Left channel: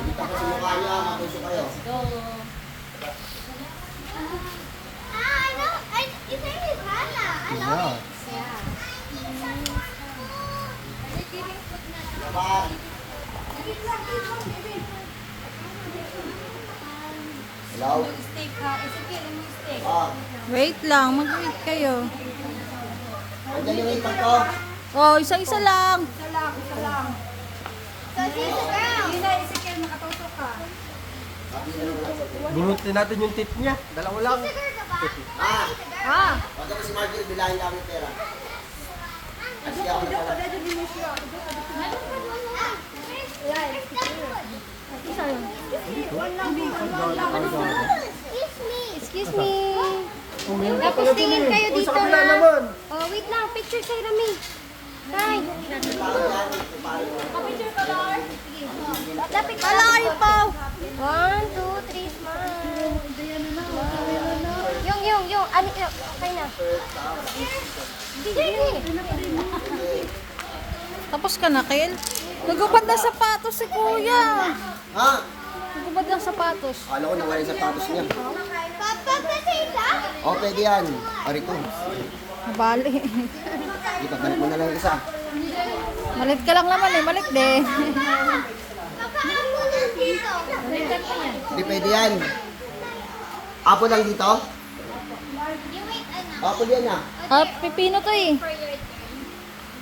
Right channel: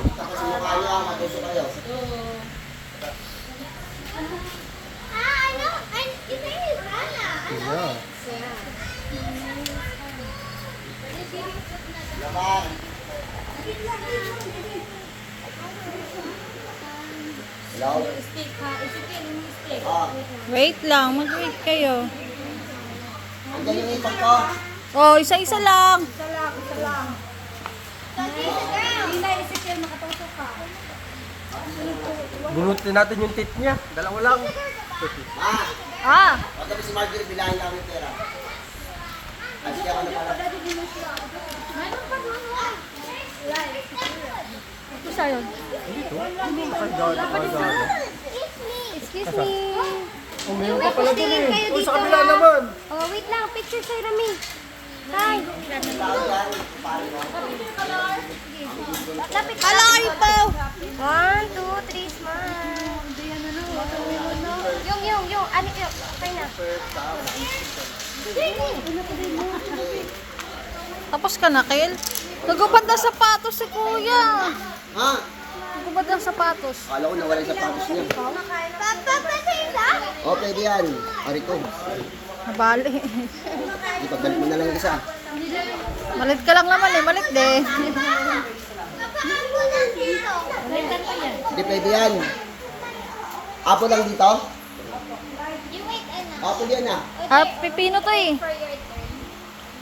Tapos yung mukha niyo, matuso kayo. Laban. Hello? Ah, Wait lang, mag-wait kayo. andyan yung ipag ko. Oh, isa-isa lang. Bunutin natin yung tit niya. Dalawa lang. Ah, Ah, pagka si Marjorie, bilangin lang yung pera. At siya ako nagkalap. isa yun. Excuse me. Tapos tingin kayo dito Sa kabila ha. naman. Oh, wait lang, picture kay Rami. Tay. Lapit ka. Hala kayo po. 1, 2, 3, smile. Yung, ano, okay na. Tapos ka na, Kel? Nagubad ng sapatos si Kuya. Ha? Nagubad ng sapatos. Kala ko nawala yung sapatos niya. Papa, O, pwede yan. Ari ko. Nabali. Ipagbalik mo na lang yung isa. Malit ka lang naman eh, malit din. Hindi pwede yan. Apo lang dito? Apo yan ah. Ah, pipino to eh. Ay,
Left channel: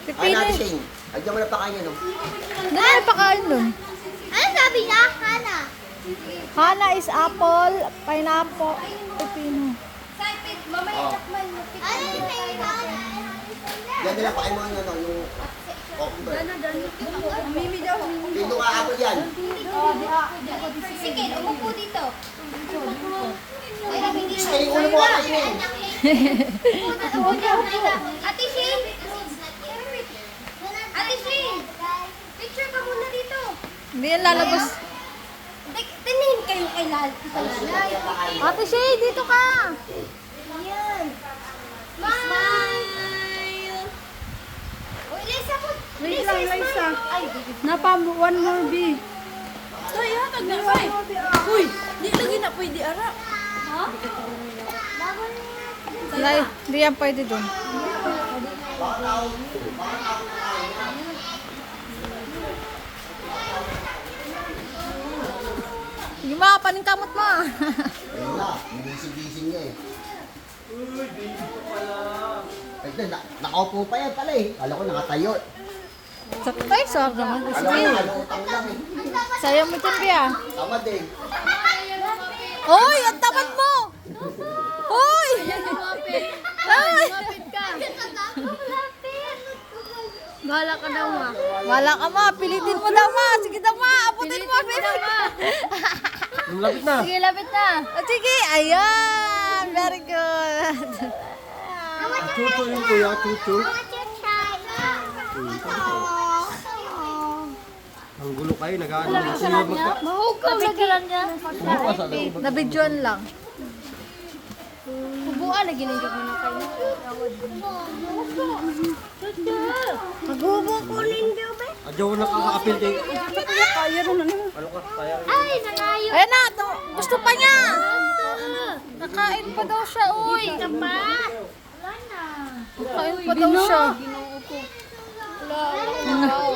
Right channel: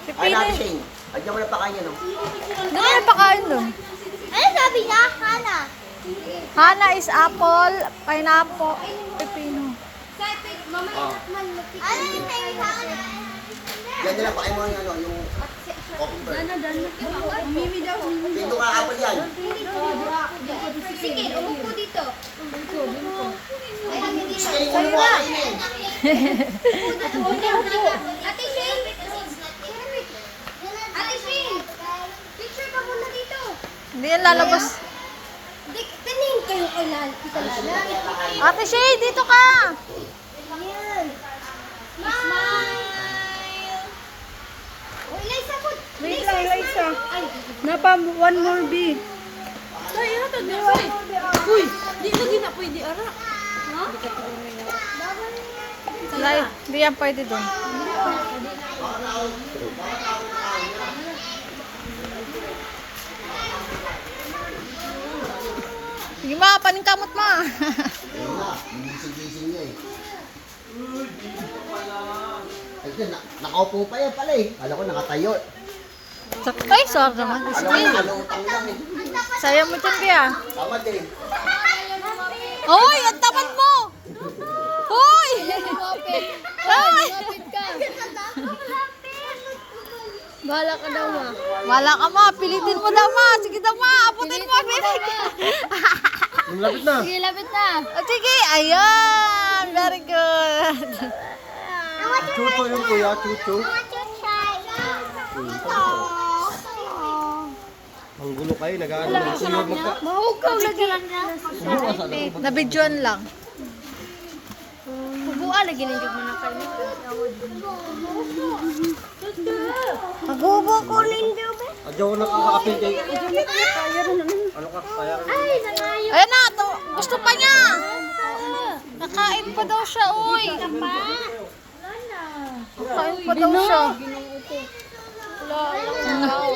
Pipino natin eh. Shane. Agyan mo na pakain niya, no? Hindi na pakain dun. Ano sabi niya? Hana. Hana is apple, pineapple, pipino. Oh. Ano yung may hana? Yan nila, pakain mo yung ano, yung cucumber. Pino ka apo yan. Sige, umupo dito. Gusto yung ulo mo atin eh. Ate Shane! Ate Shane! Picture ka muna dito. Hindi yan lalabas. Tinahin kayo kay Lal. Ate Shay, dito ka! Ayan. Smile! O, Eliza mo. Wait lang, Eliza. Ay, Napa, one more B. Hindi yan pwede dun. Sige ma, paningkamot ma. Ayun na, hindi gising-gising niya eh. Ito, nakaupo pa yan pala eh. Kala ko nakatayo. Ay, sorry naman. Alam ko, Sige. nakaluutang lang eh. Sayang mo dyan, Bia. Tama din. Hoy, ang tamad mo! Hoy! Ay! bahala ka daw ma. Wala ka ma, pilitin mo daw ma. Sige daw ma, aputin mo. Yung lapit na. Sige, lapit na. Sige, ayan. Very good. Tuto yung kuya, tuto. Ang gulo kayo, nag-ano yung kuya magka... Mahugaw lagi lang niya. Nabidyoan lang. Hubuan lagi ninyo mo na kayo. Maghubo ko nindo, be. Adyo ko nakakapil kay... Ano ka, kaya rin. Ay, nangayo. Ayan na, to, gusto pa niya. Nakain pa daw siya, uy. Nakain pa daw siya. Hangaw.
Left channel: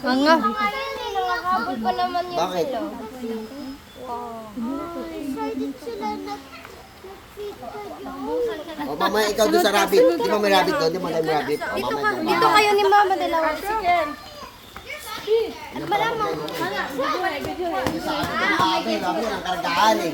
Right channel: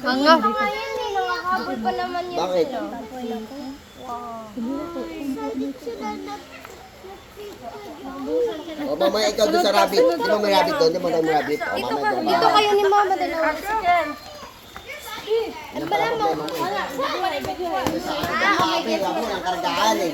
Nangahabol pa naman yun Bakit? sila. O mamaya ikaw doon sa rabbit. Di ba may rabbit doon? Di ba may rabbit? O mamaya Dito kayo ni mama dalawa. Malamang. Ang kargaan eh.